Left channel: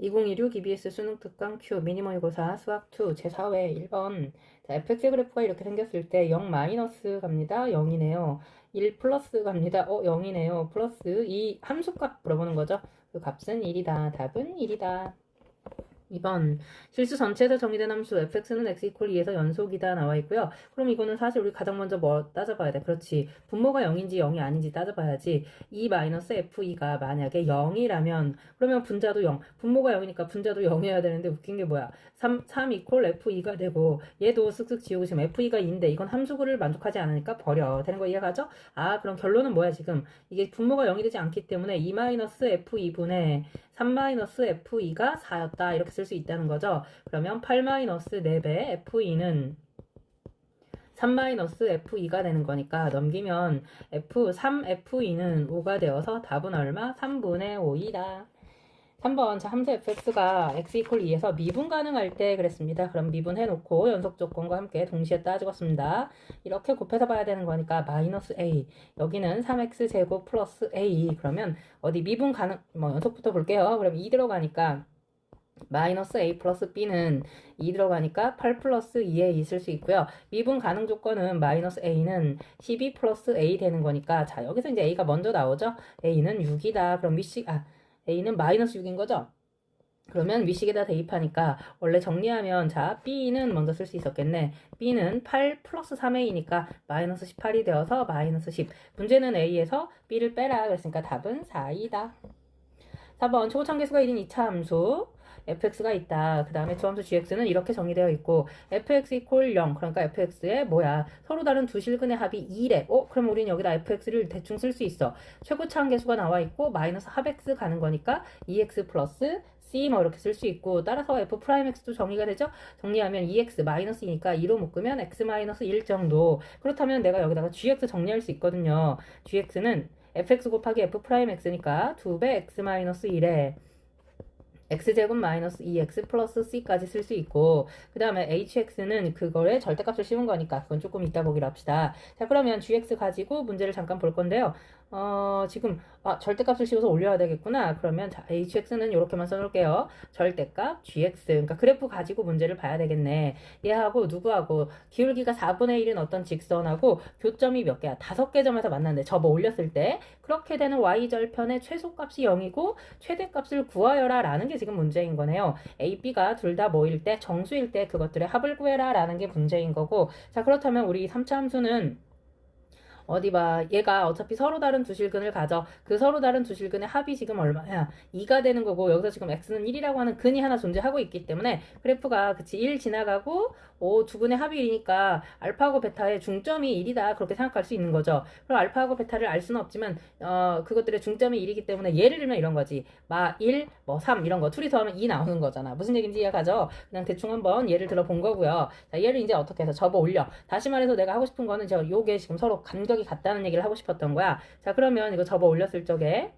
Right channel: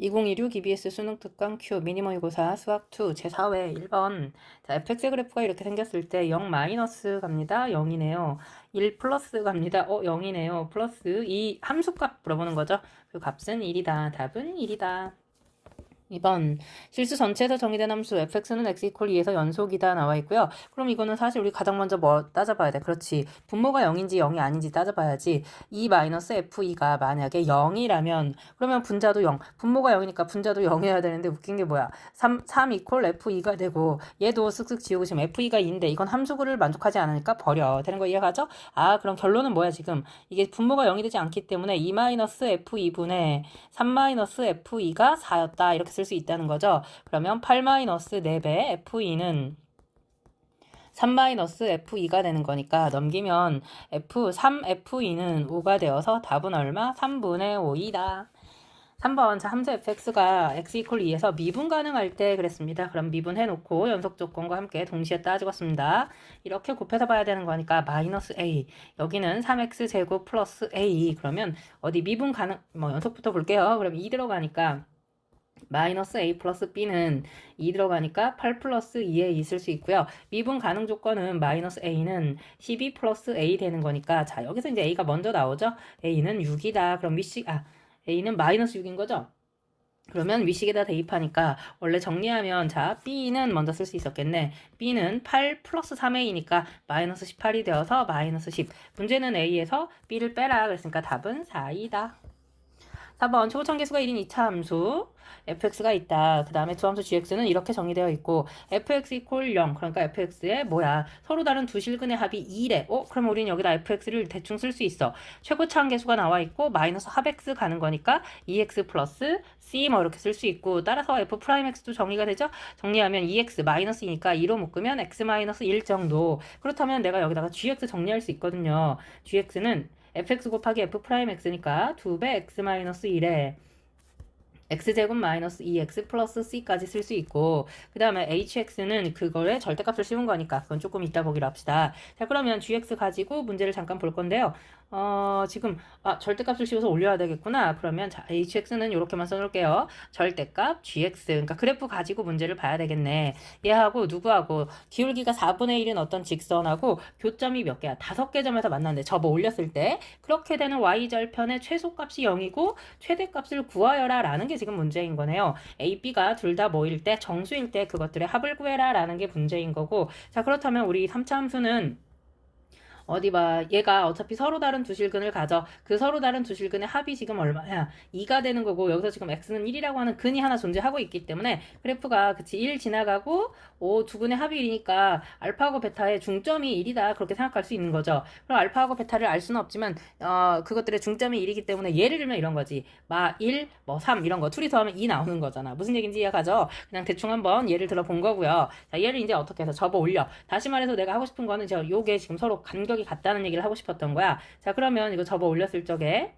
2016 EBS 수능 특강 Q 미니 모의고사 수학 2 제4회 1번. 자 fx 그래프가 이렇게 생겼을 때 0 마이너스 갑니다. 0이네요. 1 플러스 갑니다. 어 0이네요. 플러스 이 함수값 물어보는 거죠. 그 값은 1이다. 답은 1이다 2번 실수 전체에서 정의된 함수 fx는 x 이퀄 2에서 연속이다 나와 있고요. 그럼 이거는 사실 우리 가장 먼저 뭐 따져봐야 돼. 그렇지. 분모가 0인지 0이 아닌지 따져봐야지. 2-f2가 만약에 0이라면 그러면 분자도 0. 분모가 0이니까 분자도 0이어야 되는데 웃긴 게 뭐야. 3, 3 이퀄 f2가 되고 얘도 쓱쓱 지우고 지금 f2가 2인데 이건 함수구를 만족하지 않으니까 버려. 되는 거 이해가죠? 아 그럼 결론은 뭐야 지금. 이게 분모가 0이 되지 않기 때문에 2-f2분의 3-f2가 4였다. 이렇게 쓸수 있다는 거죠. 그러면 8-4배 f2는 3-f2가 되는 거니까 넘기면 f 3f2는 5가 되어서 답은 얼마? 3분의 5이다. 3번 자 함수 fx가 x 이퀄 2에서 미분 가능할 때 그랬습니다. 그럼 미분해 놓고 연속 조건과 함께 동시에 따지겠습니다. 이렇게 곱해서 봐야 되는 거니까 마이너스 a 여기는 3x 제곱 플러스 a 그러면 어디 미분 가능 뭐 연속부터 볼게요. 그럼 2 들어가니까 마이너스 a 플러스 b는 2 들어가니까 8 플러스 2에 있을 수 있고요. 미분 가능 조건은 마이너스 a는 12 플러스 a 되는 거니까 자 여기서 이제 a가 먼저 나오죠. a는 6이다. 그럼 미식 아 a는 마이너스 6인 거죠. 그러면 위식에다 대입하니까 원래 정리하면 자 b는 먼저 쓸 수 있었겠네. b는 8 플러스 3a니까 마이너스 18이 되어서 마이너스 10. 문제는 a에서 b를 빼라 그랬으니까 답은 4이다. 4번 초고참계수가 1인 2차 함수 fx가 있다. 그 다음에 주함수 gx는 이렇게 정의되어 있고 fx 이퀄 0 그러니까 fx의 뭐야 서로 다른 두 실근의 합이 2래. 어? 그럼 우리는 여기다 fx를 대충 쓸 수 있어. 최고차 함계수가 나와 있고 마이너스 합 x 가는 거니까 2x 플러스 c 뭐 이렇게 쓸 수 있고 따라서 f 프라임 x도 정리가 되죠. 정리하면 2x 마이너스니까 2로 묶으면 x 마이너스 1 정도. 그렇다면 내가 여기다가 gx 정리할 수 있거든요. gx는 fx 곱하기 f 프라임 x니까 2배 x 마이너스 1에 x제곱 마이너스 2x 플러스 c까지 쓸 수 있고 그 다음에 hx는 그거의 절대값을 씌운 거니까 그건 조금 이따 보기로 합시다. 자 그러면 gx 가지고 문제를 잠깐 볼 건데요. 어 지금 아 절대값을 씌워서 올려야 되겠구나. 그러면 자 hx는 이렇게만 써놓을게요. 절대값 gx 그러니까 그래프 가지고 문제를 봐야 되겠네. 얘하고 누구하고 기울기가 4분의 1인 어떤 직선하고 교점이 몇 개야? 다섯 개 점에서 만났는데 접어 올렸을 때 그렇게 되는 y절편의 최소값이 0이고 최대값을 구하여라 라는 게 지금 문제인 거네요. A, B가 둘다 뭐일 때 정수일 때 그것들의 합을 구해라 라는 게 문제인 거고 자 그렇다면 우리 3차 함수는 어디 봐. 얘가 어차피 서로 다른 두 실근을 가져. 그 서로 다른 두 실근의 합이 지금 얼마야? 2가 되는 거고 여기서 지금 x는 1이라고 하는 근이 하나 존재하고 있기 때문에 그래프가 그치 1 지나가고 오, 두 근의 합이 1이니까 알파하고 베타의 중점이 1이다. 그렇게 생각할 수 있는 거죠. 그럼 알파하고 베타를 알 수는 없지만 어, 그것들의 중점이 1이기 때문에 예를 들면 이런 거지. 마 1, 뭐 3 이런 거 둘이 더하면 2 나오는 거잖아. 무슨 얘기인지 이해가죠? 그냥 대충 한번 예를 들어 본 거고요. 자, 얘를 이제 어떻게 해서 접어 올려. 다시 말해서 내가 하고 싶은 거는 저 요게 지금 서로 간격이 같다는 얘기를 하고 싶었던 거야. 자, 그러면 이거 접어 올렸을 적에 자,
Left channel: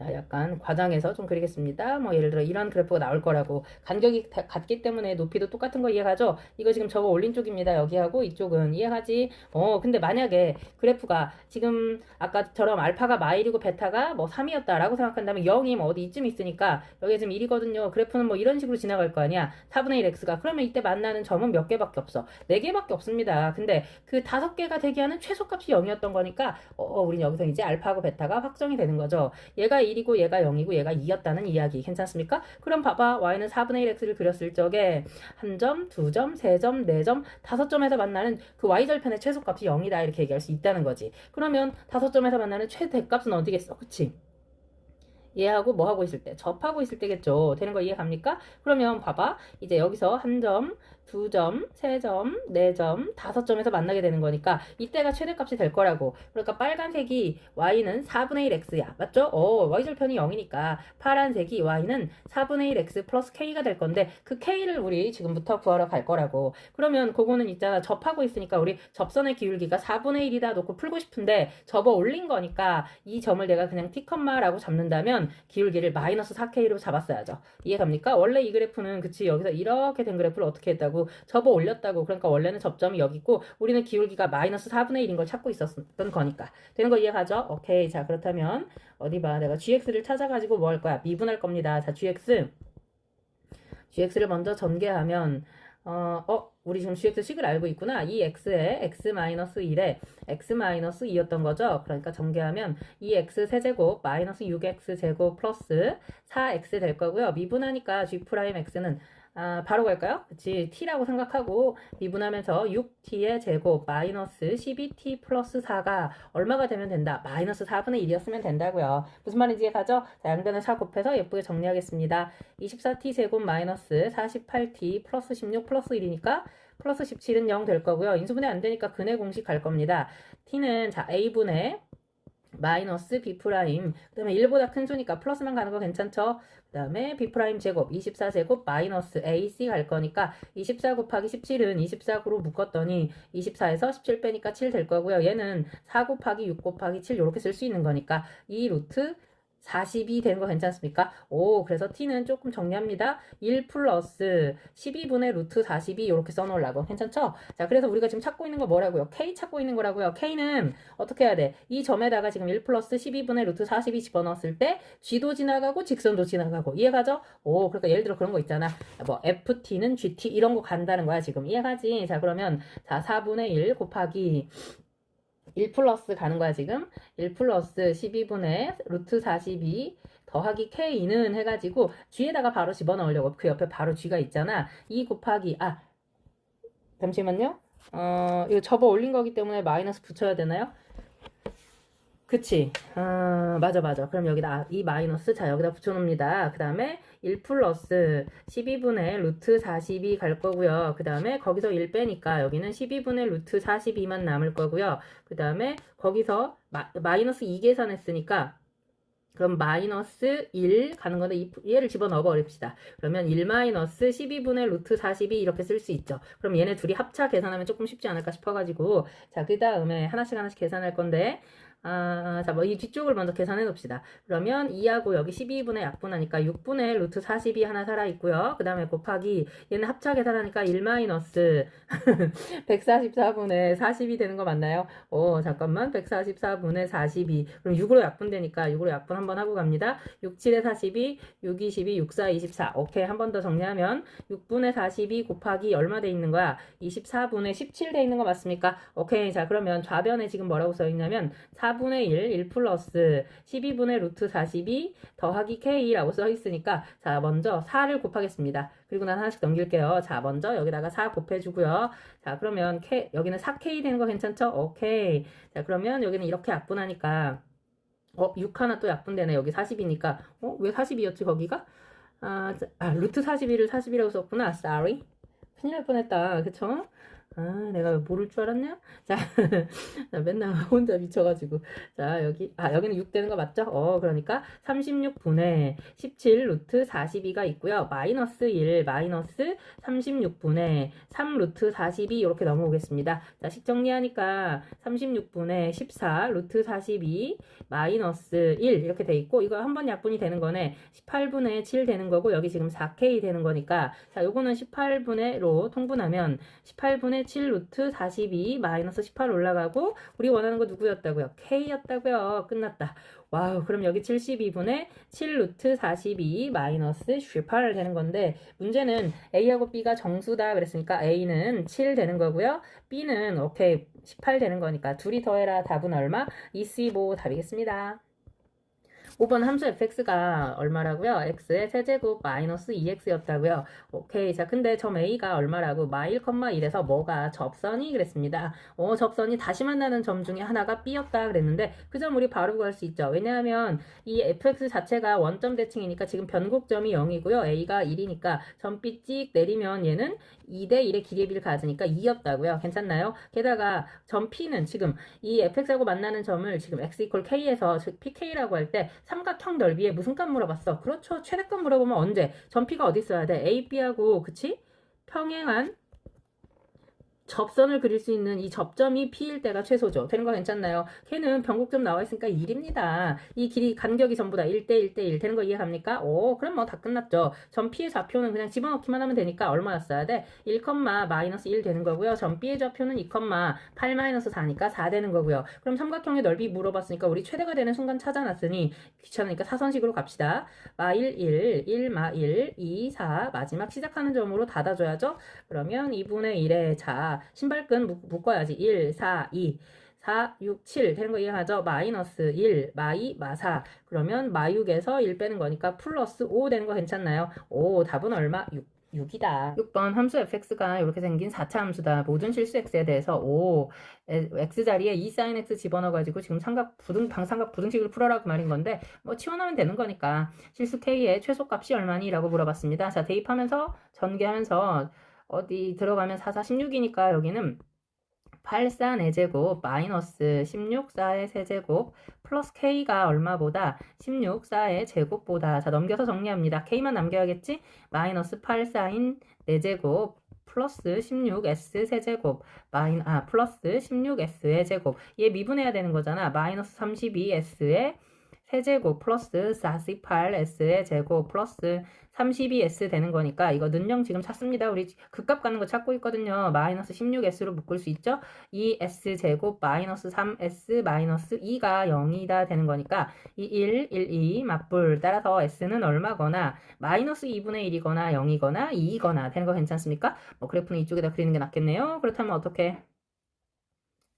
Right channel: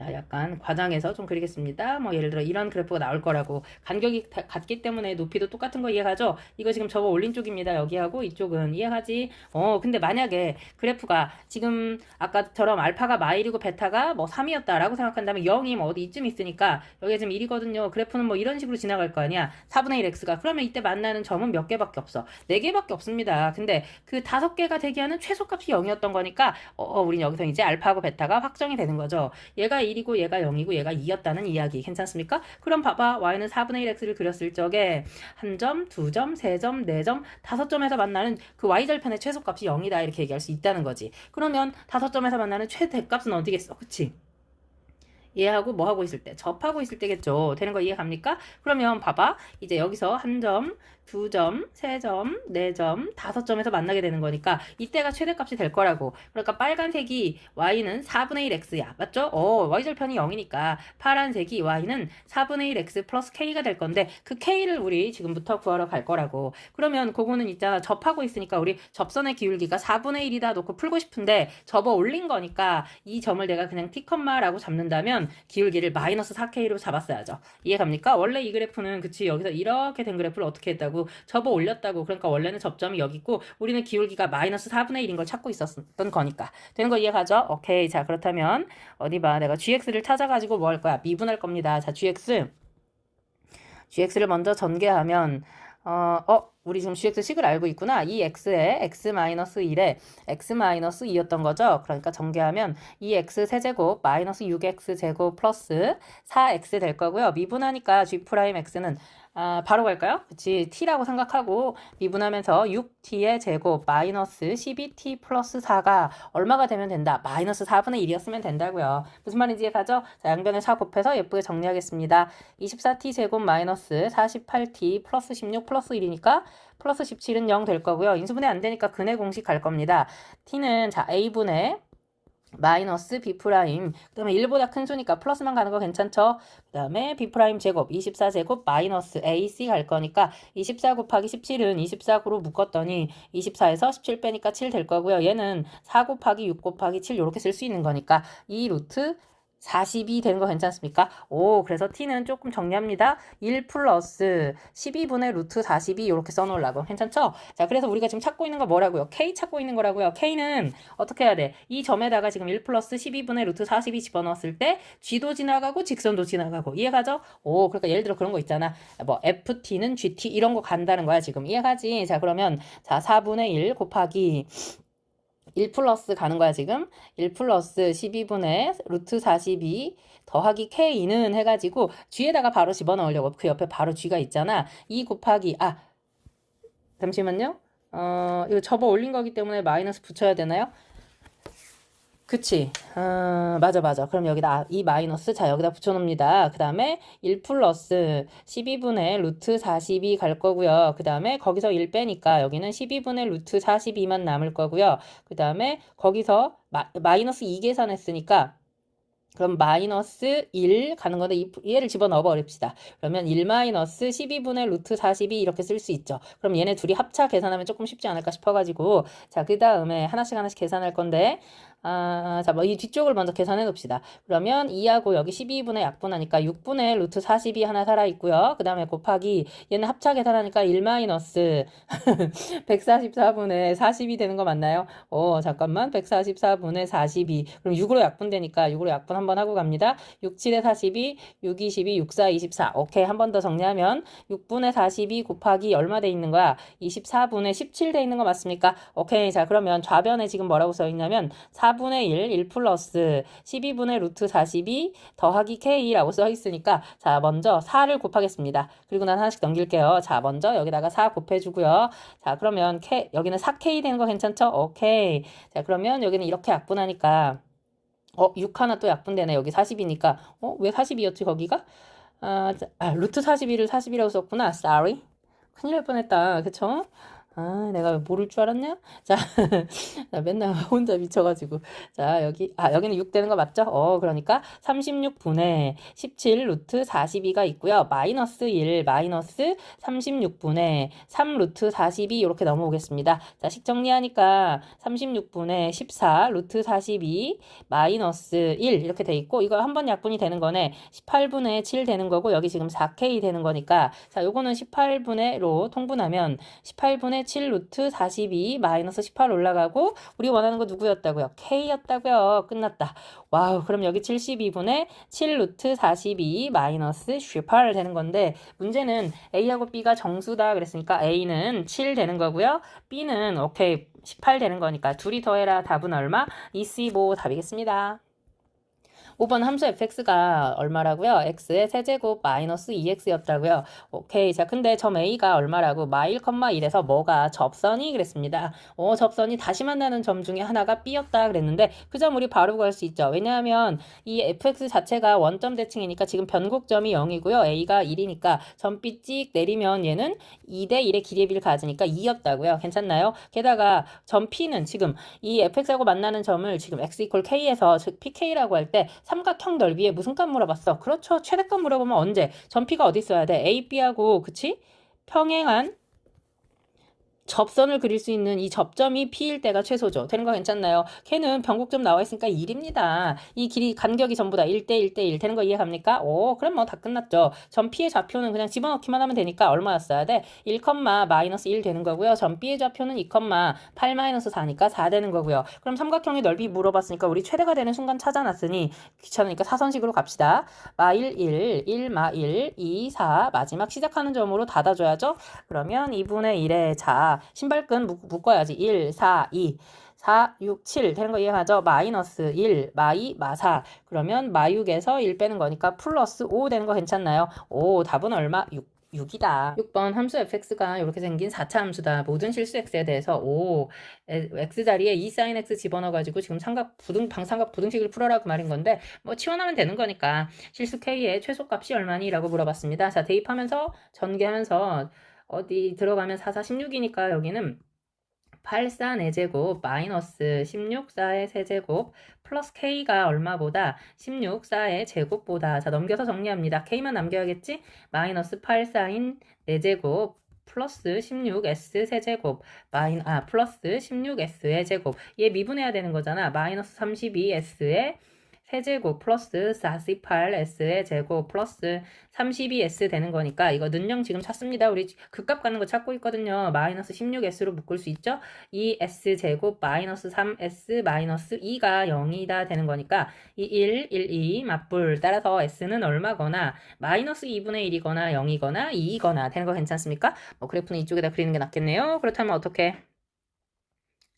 약간 과장해서 좀 그리겠습니다. 뭐 예를 들어 이런 그래프가 나올 거라고 간격이 다- 같기 때문에 높이도 똑같은 거 이해가죠? 이거 지금 저거 올린 쪽입니다. 여기하고 이쪽은 이해가지? 어 근데 만약에 그래프가 지금 아까처럼 알파가 마일이고 베타가 뭐 3이었다라고 생각한다면 0이 뭐 어디 이쯤 있으니까 여기 지금 1이거든요. 그래프는 뭐 이런 식으로 지나갈 거 아니야. 4분의 1x가 그러면 이때 만나는 점은 몇 개밖에 없어. 4개밖에 없습니다. 근데 그 다섯 개가 되게 하는 최소값이 0이었던 거니까 어, 어 우린 여기서 이제 알파하고 베타가 확정이 되는 거죠. 얘가 1이고 얘가 0이고 얘가 2였다는 이야기 괜찮습니까? 그럼 봐봐 y는 4분의 1x를 그렸을 적에 한 점, 두 점, 세 점, 네 점, 다섯 점에서 만나는 그 y절편의 최소값이 0이다 이렇게 얘기할 수 있다는 거지. 그러면 다섯 점에서 만나는 최대값은 어디겠어? 그치? 얘하고 뭐 하고 있을 때 접하고 있을 때겠죠. 되는 거 이해 갑니까? 그러면 봐봐. 이제 여기서 한 점, 두 점, 세 점, 네 점, 다섯 점에서 만나게 되는 거니까 이때가 최대값이 될 거라고. 그러니까 빨간색이 y는 4분의 1x야. 맞죠? 어, y절편이 0이니까 파란색이 y는 4분의 1x 플러스 k가 될 건데 그 k를 우리 지금부터 구하러 갈 거라고. 그러면 그거는 이따 접하고 있으니까 우리 접선의 기울기가 4분의 1이다 놓고 풀고 싶은데 접어 올린 거니까 이 점을 내가 그냥 t 컴마라고 잡는다면 기울기를 마이너스 4K로 잡았어야죠. 이해 갑니까? 원래 이 그래프는 그치 여기서 이렇게 된 그래프를 어떻게 했다고 접어 올렸다고 그러니까 원래는 접점이 여기 있고 우리는 기울기가 마이너스 4분의 1인 걸 찾고 있었던 거니까 되는 거 이해가죠? 오케이 자 그렇다면 어디 봐 내가 gx를 찾아가지고 뭐 할 거야 미분할 겁니다. 자 gx gx를 먼저 전개하면 어, 어, 우리 지금 gx 식을 알고 있구나. 이 x에 x-1에 x-2였던 거죠. 그러니까 전개하면 이 x 세제곱 마이너스 6x 제곱 플러스 4x 될 거고요. 미분하니까 g'x는 아, 바로 갈까요? 그치. t라고 생각하고 미분하면서 6t의 제곱 마이너스 12t 플러스 4가 얼마가 되면 된다? 마이너스 4분의 1이었으면 된다고요. 무슨 말인지 이해가죠? 자, 양변에 4 곱해서 예쁘게 정리하겠습니다. 24t 제곱 마이너스 48t 플러스 16 플러스 1이니까 플러스 17은 0 될 거고요. 인수분해 안 되니까 근해 공식 갈 겁니다. t는 자 a분의 마이너스 b 프라임 그 다음에 1보다 큰 수니까 플러스만 가는 거 괜찮죠? 그 다음에 b 프라임 제곱 24제곱 마이너스 ac 갈 거니까 24 곱하기 17은 24로 묶었더니 24에서 17 빼니까 7 될 거고요. 얘는 4 곱하기 6 곱하기 7 이렇게 쓸 수 있는 거니까 이 루트 40이 되는 거 괜찮습니까? 오, 그래서 t는 조금 정리합니다. 1 플러스 12분의 루트 40이 이렇게 써놓으려고. 괜찮죠? 자, 그래서 우리가 지금 찾고 있는 거 뭐라고요? k 찾고 있는 거라고요. k는 어떻게 해야 돼? 이 점에다가 지금 1 플러스 12분의 루트 40이 집어넣었을 때 g도 지나가고 직선도 지나가고. 이해가죠? 오, 그러니까 예를 들어 그런 거 있잖아. 뭐 ft는 gt 이런 거 간다는 거야, 지금. 이해가지? 자, 그러면 자, 4분의 1 곱하기 1 플러스 가는 거야 지금? 1 플러스 12분의 루트 42 더하기 k는 해가지고 g에다가 바로 집어넣으려고 그 옆에 바로 g가 있잖아. 2 곱하기 아 잠시만요. 어 이거 접어 올린 거기 때문에 마이너스 붙여야 되나요? 그치. 어, 맞아, 맞아. 그럼 여기다 이 마이너스, 자, 여기다 붙여놓습니다. 그 다음에 1 플러스 12분의 루트 42 갈 거고요. 그 다음에 거기서 1 빼니까 여기는 12분의 루트 42만 남을 거고요. 그 다음에 거기서 마, 마이너스 2 계산했으니까 그럼 마이너스 1 가는 건데 이, 얘를 집어넣어 버립시다. 그러면 1 마이너스 12분의 루트 42 이렇게 쓸 수 있죠. 그럼 얘네 둘이 합차 계산하면 조금 쉽지 않을까 싶어가지고 자 그 다음에 하나씩 하나씩 계산할 건데 아, 자, 뭐 이 뒤쪽을 먼저 계산해 봅시다. 그러면 2하고 여기 12분의 약분하니까 6분의 루트 42 하나 살아있고요. 그 다음에 곱하기 얘는 합차 계산하니까 1 마이너스 144분의 40이 되는 거 맞나요? 오, 잠깐만. 144분의 42. 그럼 6으로 약분되니까 6으로 약분 한번 하고 갑니다. 6, 7에 42, 6, 22, 6, 4, 24. 오케이. 한 번 더 정리하면 6분의 42 곱하기 얼마 돼 있는 거야? 24분의 17 돼 있는 거 맞습니까? 오케이. 자, 그러면 좌변에 지금 뭐라고 써 있냐면 4 분의 1, 1 플러스 12분의 루트 42 더하기 k라고 써 있으니까 자 먼저 4를 곱하겠습니다. 그리고 난 하나씩 넘길게요. 자 먼저 여기다가 4 곱해주고요. 자 그러면 K, 여기는 4k 되는 거 괜찮죠? 오케이. 자 그러면 여기는 이렇게 약분하니까 어, 6 하나 또 약분되네. 여기 40이니까. 어, 왜 40이었지, 거기가? 아, 아 루트 41을 40이라고 썼구나. sorry. 큰일 날 뻔했다. 그쵸? 아, 내가 모를 줄 알았냐? 자, 나 맨날 혼자 미쳐가지고. 자, 여기, 아, 여기는 6 되는 거 맞죠? 어, 그러니까 36분의 17 루트 42가 있고요. 마이너스 1, 마이너스 36분의 3 루트 42 이렇게 넘어오겠습니다. 자, 식 정리하니까 36분의 14 루트 42 마이너스 1 이렇게 돼 있고, 이거 한 번 약분이 되는 거네. 18분의 7 되는 거고, 여기 지금 4K 되는 거니까, 자, 요거는 18분의 로 통분하면 18분의 7 루트 42 마이너스 18 올라가고 우리 원하는 거 누구였다고요? K였다고요. 끝났다. 와우 그럼 여기 72분의 7 루트 42 마이너스 18 되는 건데 문제는 A하고 B가 정수다 그랬으니까 A는 7 되는 거고요. B는 오케이 18 되는 거니까 둘이 더해라 답은 얼마? 25 답이겠습니다. 5번 함수 fx가 얼마라고요? x의 세제곱 마이너스 2x였다고요. 오케이. 자, 근데 점 a가 얼마라고? 마일 컴마 1에서 뭐가 접선이 그랬습니다. 어, 접선이 다시 만나는 점 중에 하나가 b였다 그랬는데 그 점 우리 바로 구할 수 있죠. 왜냐하면 이 fx 자체가 원점 대칭이니까 지금 변곡점이 0이고요. a가 1이니까 점 b 찍 내리면 얘는 2대 1의 길이의 비를 가지니까 2였다고요. 괜찮나요? 게다가 점 p는 지금 이 fx하고 만나는 점을 지금 x 이퀄 k에서 즉 pk라고 할때 삼각형 넓이에 무슨 값 물어봤어? 그렇죠. 최대값 물어보면 언제? 전피가 어디 있어야 돼? A, B하고 그치? 평행한 접선을 그릴 수 있는 이 접점이 P일 때가 최소죠. 되는 거 괜찮나요? 걔는 변곡점 나와 있으니까 1입니다. 이 길이 간격이 전부 다 1대 1대 1 되는 거 이해 갑니까? 오, 그럼 뭐 다 끝났죠. 점 P의 좌표는 그냥 집어넣기만 하면 되니까 얼마였어야 돼? 1, 마이너스 1 되는 거고요. 점 B의 좌표는 2, 8 마이너스 4니까 4 되는 거고요. 그럼 삼각형의 넓이 물어봤으니까 우리 최대가 되는 순간 찾아놨으니 귀찮으니까 사선식으로 갑시다. 마 1, 1, 1, 마 1, 2, 4 마지막 시작하는 점으로 닫아줘야죠. 그러면 2분의 1에 자 신발끈 묶- 묶어야지 1, 4, 2 4, 6, 7 되는 거 이해하죠? 마이너스 1, 마2, 마4 그러면 마6에서 1 빼는 거니까 플러스 5 되는 거 괜찮나요? 오 답은 얼마? 6 6이다. 6번 함수 fx가 이렇게 생긴 4차 함수다. 모든 실수 x에 대해서 o x 자리에 2 sin x 집어넣어 가지고 지금 삼각 부등 방삼각 부등식을 풀어라 그 말인 건데 뭐 치환하면 되는 거니까 실수 k의 최소값이 얼마니라고 물어봤습니다. 자, 대입하면서 전개하면서 어디 들어가면 4, 4, 16이니까 여기는 8, 4, 4제곱 마이너스 16, 4의 세제곱 플러스 k가 얼마보다 16, 4의 제곱보다 자 넘겨서 정리합니다. k만 남겨야겠지? 마이너스 8, 4인 4제곱 플러스 16s 세제곱 마인 아 플러스 16s의 제곱 얘 미분해야 되는 거잖아. 마이너스 32s의 세제곱 플러스 48s의 제곱 플러스 32s 되는 거니까 이거 는영 지금 찾습니다. 우리 극값 가는 거 찾고 있거든요. 마이너스 16s로 묶을 수 있죠. 이 s 제곱 마이너스 3s 마이너스 2가 0이다 되는 거니까 이 1, 1, 2 맞불 따라서 s는 얼마거나 마이너스 2분의 1이거나 0이거나 2이거나 되는 거 괜찮습니까? 뭐 그래프는 이쪽에다 그리는 게 낫겠네요. 그렇다면 어떻게?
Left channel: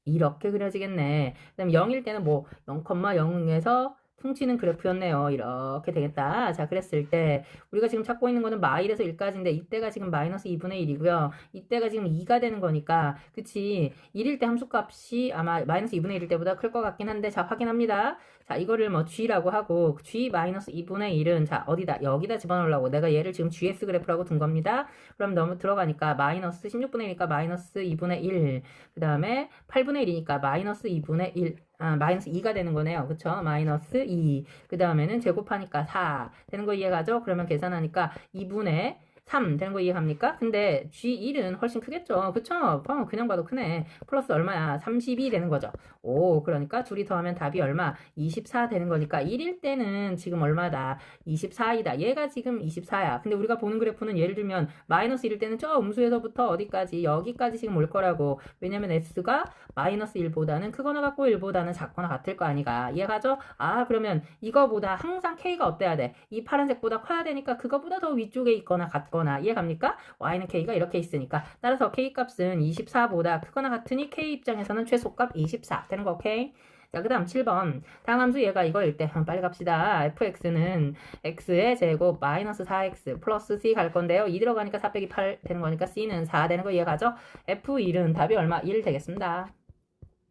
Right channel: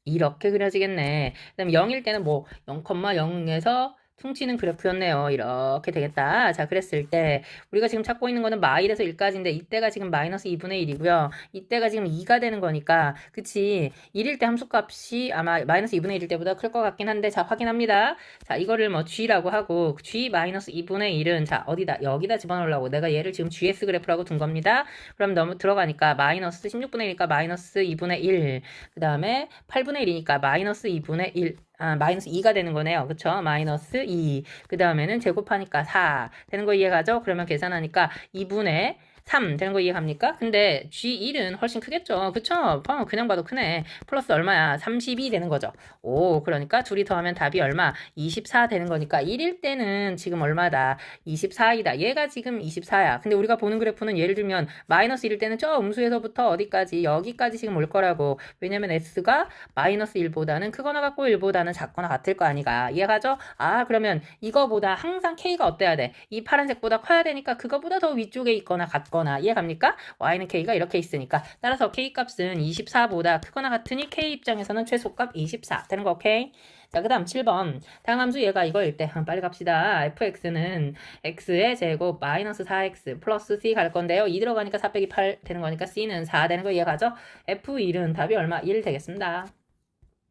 이렇게 그려지겠네. 그다음 0일 때는 뭐 0,0에서 퉁치는 그래프였네요. 이렇게 되겠다. 자, 그랬을 때 우리가 지금 찾고 있는 거는 마1에서 1까지인데 이때가 지금 마이너스 2분의 1이고요. 이때가 지금 2가 되는 거니까 그치 1일 때 함수값이 아마 마이너스 2분의 1일 때보다 클 것 같긴 한데 자, 확인합니다. 자, 이거를 뭐 g라고 하고 g 마이너스 2분의 1은 자, 어디다? 여기다 집어넣으려고 내가 얘를 지금 gs 그래프라고 둔 겁니다. 그럼 너무 들어가니까 마이너스 16분의 1이니까 마이너스 2분의 1. 그 다음에 8분의 1이니까 마이너스 2분의 1. 아, 마이너스 2가 되는 거네요. 그쵸? 마이너스 2. 그 다음에는 제곱하니까 4. 되는 거 이해가죠? 그러면 계산하니까 2분의 3 되는 거 이해갑니까? 근데 G1은 훨씬 크겠죠. 그쵸? 어, 그냥 봐도 크네. 플러스 얼마야? 32 되는 거죠. 오, 그러니까 둘이 더하면 답이 얼마? 24 되는 거니까 1일 때는 지금 얼마다? 24이다. 얘가 지금 24야. 근데 우리가 보는 그래프는 예를 들면 마이너스 1일 때는 저 음수에서부터 어디까지? 여기까지 지금 올 거라고. 왜냐면 S가 마이너스 1보다는 크거나 같고 1보다는 작거나 같을 거 아니가. 이해가죠? 아, 그러면 이거보다 항상 K가 어때야 돼? 이 파란색보다 커야 되니까 그거보다 더 위쪽에 있거나 같거나. 이해갑니까? Y는 K가 이렇게 있으니까. 따라서 K 값은 24보다 크거나 같으니 K 입장에서는 최소값 24. 되는 거 오케이? 자, 그 다음 7번. 다음 함수 얘가 이거일 때, 빨리 갑시다. fx는 x의 제곱 마이너스 4x 플러스 c 갈 건데요. 2 들어가니까 4 빼기 8 되는 거니까 c는 4 되는 거 이해가죠? f1은 답이 얼마? 1 되겠습니다.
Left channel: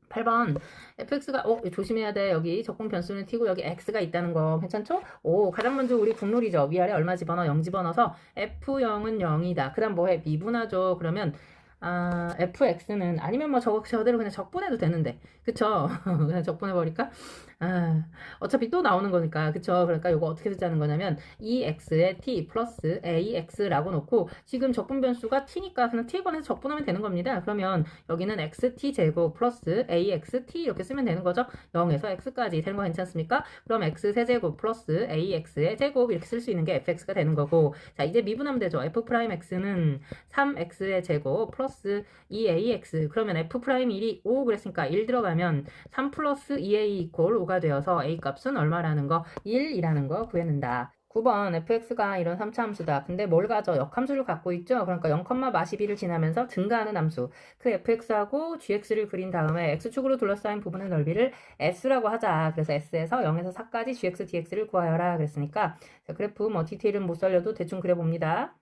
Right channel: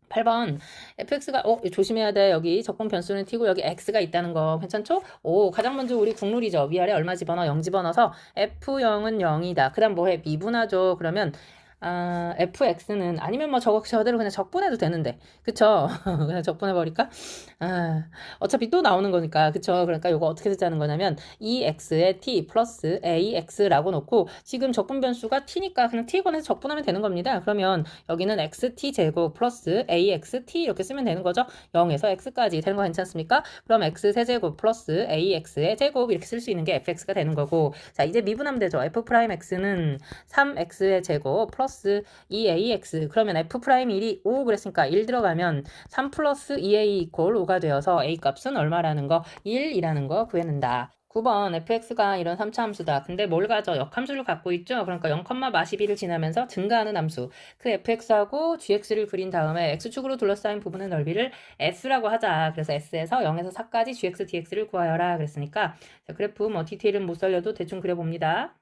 8번. fx가 어 조심해야 돼. 여기 적분 변수는 t고 여기 x가 있다는 거. 괜찮죠? 오 가장 먼저 우리 국룰이죠. 위아래 얼마 집어넣어 0 집어넣어서 f0은 0이다. 그 다음 뭐해? 미분하죠. 그러면 아, fx는 아니면 뭐 저거 저대로 그냥 적분해도 되는데. 그쵸? 그냥 적분해 버릴까? 아, 어차피 또 나오는 거니까. 그쵸? 그러니까 이거 어떻게 쓰자는 거냐면 2x에 t 플러스 ax라고 놓고 지금 적분 변수가 t니까 그냥 t 권해서 적분하면 되는 겁니다. 그러면 여기는 xt 제곱 플러스 axt 이렇게 쓰면 되는 거죠? 0에서 x까지. 되는 거 괜찮습니까? 그럼 x 세제곱 플러스 ax의 제곱 이렇게 쓸 수 있는 게 fx가 되는 거고. 자 이제 미분하면 되죠? F 프라임 x는 3x의 제곱 플러스 2ax 그러면 f 프라임 1이 5 그랬으니까 1 들어가면 3 플러스 2a 이퀄 5가 되어서 a 값은 얼마라는 거 1이라는 거 구해낸다 9번 fx가 이런 3차 함수다. 근데 뭘 가져? 역함수를 갖고 있죠? 그러니까 0,12를 지나면서 증가하는 함수. 그 fx하고 gx를 그린 다음에 x축으로 둘러싸인 부분의 넓이를 s라고 하자. 그래서 s에서 0에서 4까지 gx, dx를 구하여라. 그랬으니까 자, 그래프 뭐 디테일은 못 살려도 대충 그려봅니다.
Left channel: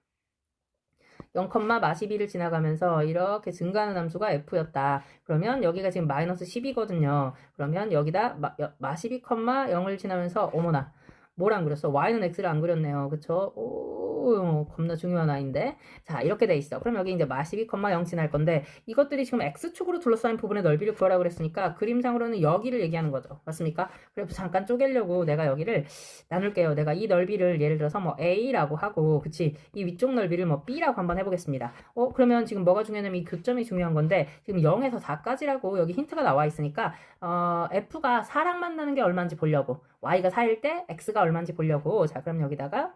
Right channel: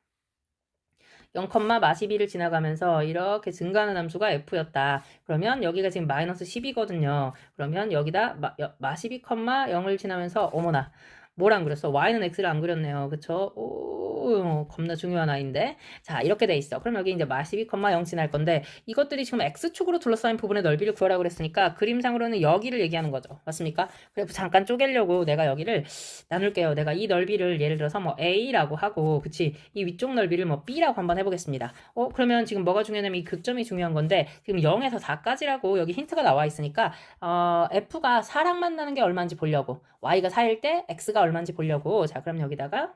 0,12를 지나가면서 이렇게 증가하는 함수가 f였다. 그러면 여기가 지금 마이너스 10이거든요. 그러면 여기다 마, 마 12,0을 지나면서 어머나 뭘 안 그렸어? y는 x를 안 그렸네요. 그쵸? 오, 오, 겁나 중요한 아이인데. 자, 이렇게 돼 있어. 그럼 여기 이제 마12,0 지날 건데 이것들이 지금 x축으로 둘러싸인 부분의 넓이를 구하라고 그랬으니까 그림상으로는 여기를 얘기하는 거죠. 맞습니까? 그래서 잠깐 쪼개려고 내가 여기를 나눌게요. 내가 이 넓이를 예를 들어서 뭐 a라고 하고 그치? 이 위쪽 넓이를 뭐 b라고 한번 해보겠습니다. 어, 그러면 지금 뭐가 중요하냐면 이 극점이 중요한 건데 지금 0에서 4까지라고 여기 힌트가 나와 있으니까 어, f가 4랑 만나는 게 얼마인지 보려고 y가 4일 때 x가 얼마인지 보려고. 자 그럼 여기다가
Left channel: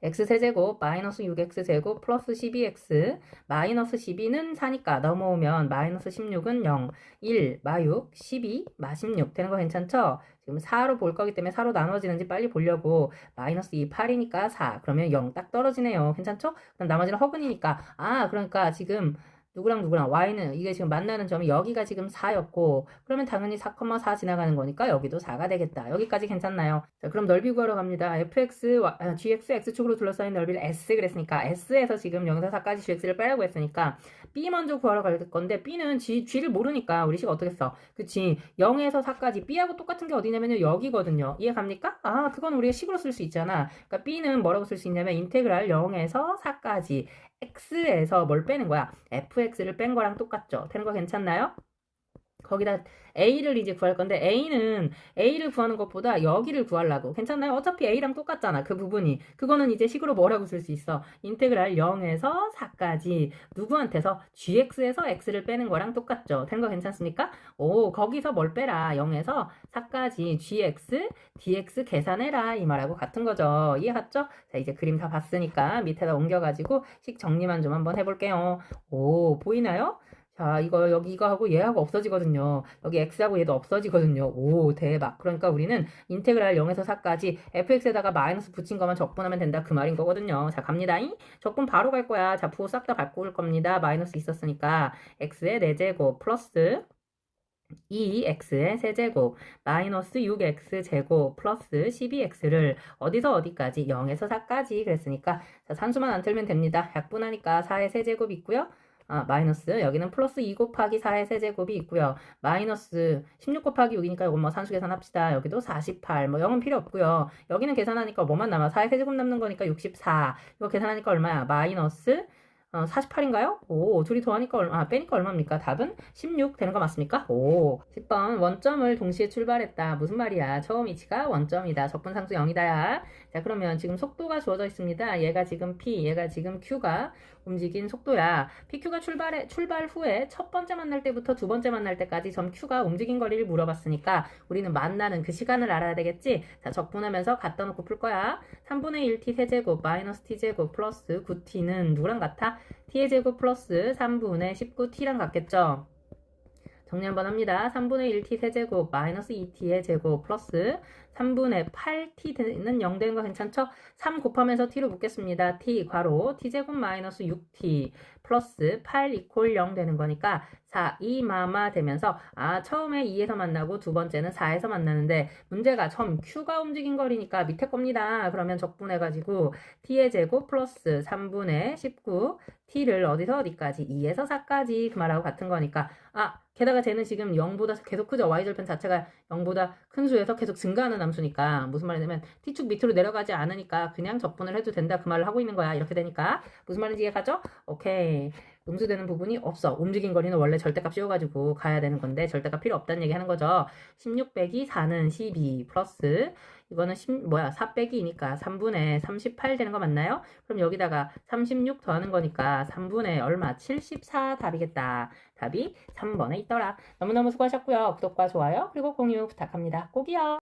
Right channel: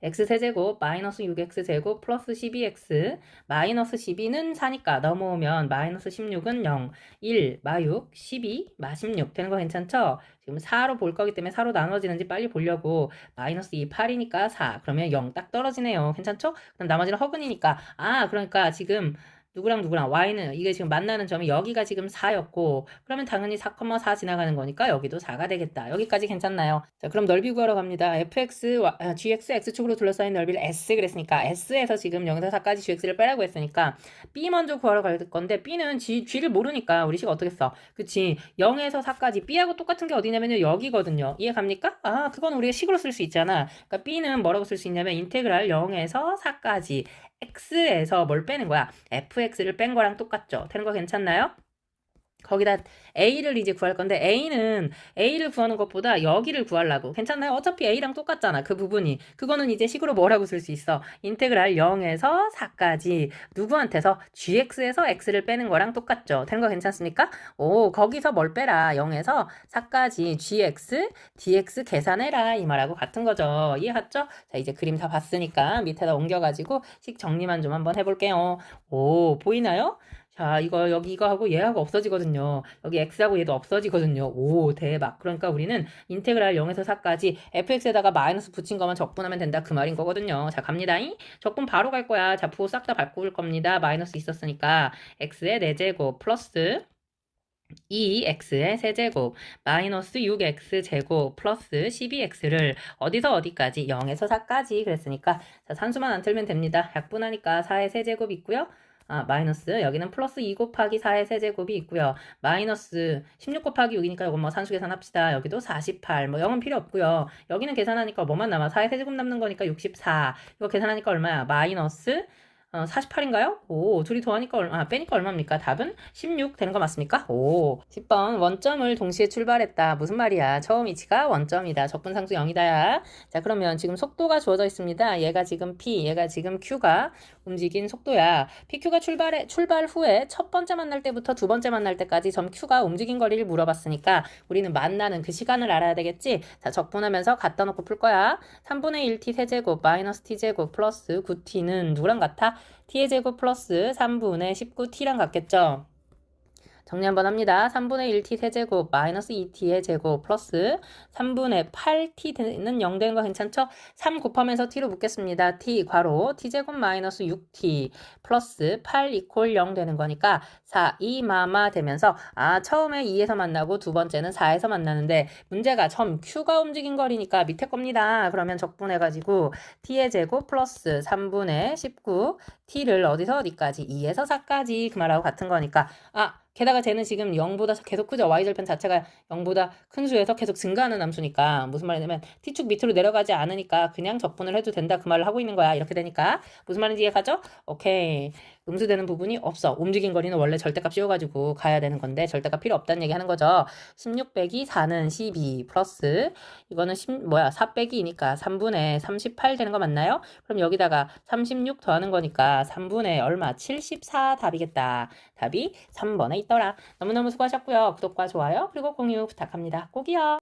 x 세제곱 마이너스 6x 제곱 플러스 12x 마이너스 12는 4니까 넘어오면 마이너스 16은 0 1 마6 12 마16 되는 거 괜찮죠? 지금 4로 볼 거기 때문에 4로 나눠지는지 빨리 보려고. 마이너스 2 8이니까 4 그러면 0 딱 떨어지네요. 괜찮죠? 그럼 나머지는 허근이니까. 아 그러니까 지금 누구랑 누구랑 y는 이게 지금 만나는 점이 여기가 지금 4였고 그러면 당연히 4,4 지나가는 거니까 여기도 4가 되겠다. 여기까지 괜찮나요? 자, 그럼 넓이 구하러 갑니다. fx, 아, gx, x축으로 둘러싸인 넓이를 s 그랬으니까 s에서 지금 0에서 4까지 gx를 빼라고 했으니까 b 먼저 구하러 갈 건데 b는 g, g를 모르니까 우리 식 어떻게 써? 그치? 0에서 4까지 b하고 똑같은 게 어디냐면요 여기거든요. 이해 갑니까? 아, 그건 우리가 식으로 쓸 수 있잖아. 그러니까 b는 뭐라고 쓸 수 있냐면 인테그랄 0에서 4까지 x에서 뭘 빼는 거야? fx를 뺀 거랑 똑같죠? 되는 거 괜찮나요? 거기다 a를 이제 구할 건데 a는 a를 구하는 것보다 여기를 구하려고. 괜찮나요? 어차피 a랑 똑같잖아 그 부분이. 그거는 이제 식으로 뭐라고 쓸 수 있어? 인테그랄 0에서 4까지. 누구한테서? gx에서 x를 빼는 거랑 똑같죠. 되는 거 괜찮습니까? 오 거기서 뭘 빼라? 0에서 4까지 gx dx 계산해라 이 말하고 같은 거죠. 이해했죠? 자 이제 그림 다 봤으니까 밑에다 옮겨가지고 식 정리만 좀 한번 해볼게요. 오 보이나요? 자, 이거 여기 이거 하고 얘하고 없어지거든요. 여기 x하고 얘도 없어지거든요. 오, 대박. 그러니까 우리는 인테그랄 0에서 4까지 fx에다가 마이너스 붙인 것만 적분하면 된다. 그 말인 거거든요. 자, 갑니다. 적분 바로 갈 거야. 자, 부호 싹 다 바꿀 겁니다. 마이너스 있었으니까 x의 4제곱 플러스 2x의 세제곱 마이너스 6x 제곱 플러스 12x를 어디서 어디까지 0에서 4까지 그랬으니까 자, 산수만 안 틀면 됩니다. 약분하니까 4의 세제곱 있고요. 아, 마이너스 여기는 플러스 2 곱하기 4의 세제곱이 있고요. 마이너스 16 곱하기 6이니까 이건 뭐 산수 계산합시다. 여기도 48. 뭐 0은 필요 없고요. 여기는 계산하니까 뭐만 남아? 4의 세제곱 남는 거니까 64. 이거 계산하니까 얼마야? 마이너스 어, 48인가요? 오, 둘이 더하니까 얼마, 아, 빼니까 얼마입니까? 답은 16 되는 거 맞습니까? 오, 10번 원점을 동시에 출발했다. 무슨 말이야? 처음 위치가 원점이다. 적분상수 0이다야. 자, 그러면 지금 속도가 주어져 있습니다. 얘가 지금 P, 얘가 지금 Q가 움직인 속도야. PQ가 출발해, 출발 후에 첫 번째 만날 때부터 두 번째 만날 때까지 점 Q가 움직인 거리를 물어봤으니까 우리는 만나는 그 시간을 알아야 되겠지? 자, 적분하면서 갖다 놓고 풀 거야. 3분의 1t 세제곱 마이너스 t제곱 플러스 9t는 누구랑 같아? T의 제곱 플러스 3분의 19t랑 같겠죠? 정리 한번 합니다. 3분의 1t 세제곱 마이너스 2t의 제곱 플러스 3분의 8t는 0 되는 거 괜찮죠? 3 곱하면서 t로 묶겠습니다. t 괄호 t제곱 마이너스 6t 플러스 8 이퀄 0 되는 거니까 4, 2 마마 되면서 아 처음에 2에서 만나고 두 번째는 4에서 만나는데 문제가 점 q가 움직인 거리니까 밑에 겁니다. 그러면 적분해가지고 t의 제곱 플러스 3분의 19 t를 어디서 어디까지 2에서 4까지 그 말하고 같은 거니까 아 게다가 쟤는 지금 0보다 계속 크죠. y절편 자체가 0보다 큰 수에서 계속 증가하는 함수니까 무슨 말이냐면 t축 밑으로 내려가지 않으니까 그냥 적분을 해도 된다 그 말을 하고 있는 거야. 이렇게 되니까 무슨 말인지 이해가죠? 오케이. 음수되는 부분이 없어. 움직인 거리는 원래 절대값 씌워가지고 가야 되는 건데 절대값 필요 없다는 얘기 하는 거죠. 16 빼기 4는 12 플러스 이거는 10, 뭐야 4 빼기니까 3분의 38 되는 거 맞나요? 그럼 여기다가 36 더하는 거니까 3분의 얼마? 74 답이겠다. 답이 3번에 있더라. 너무너무 수고하셨고요. 구독과 좋아요 그리고 공유 부탁합니다. 꼭이요.